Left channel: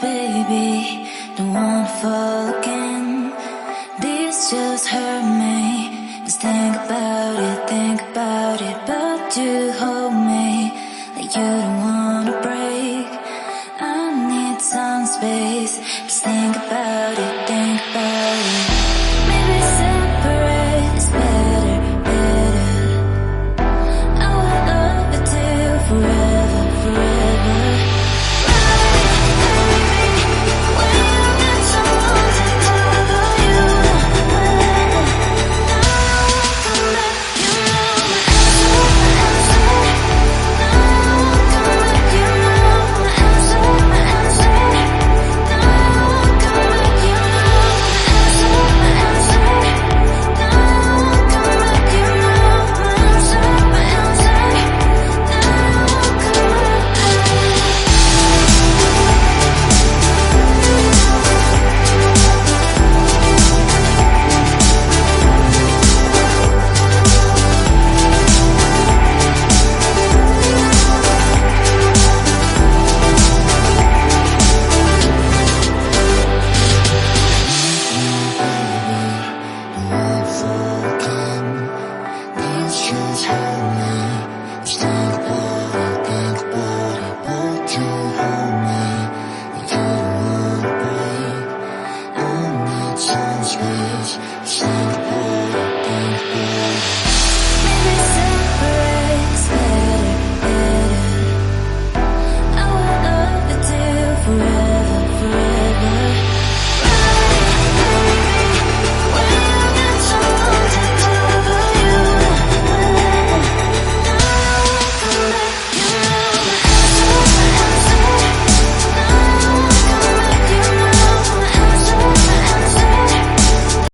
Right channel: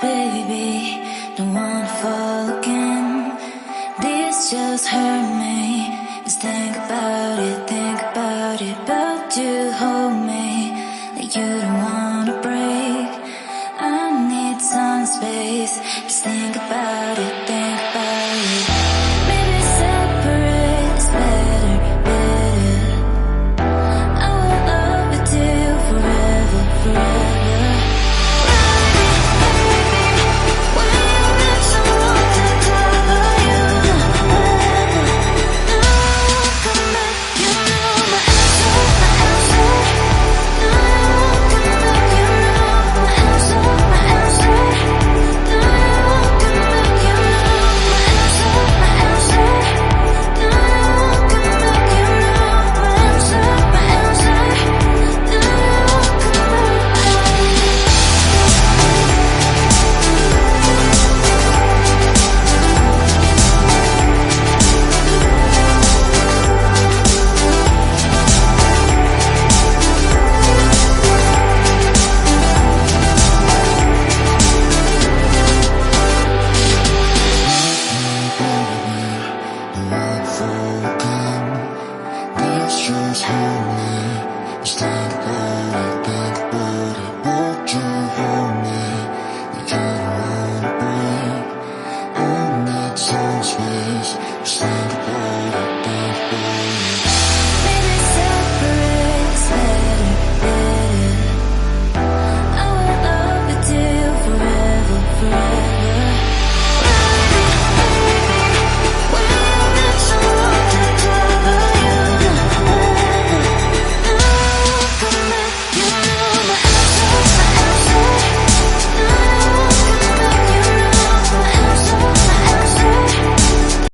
baby, don't wanna fall again. This just hurt me. Just think about it, but you hold me like you don't wanna break. I need some space, just think about it.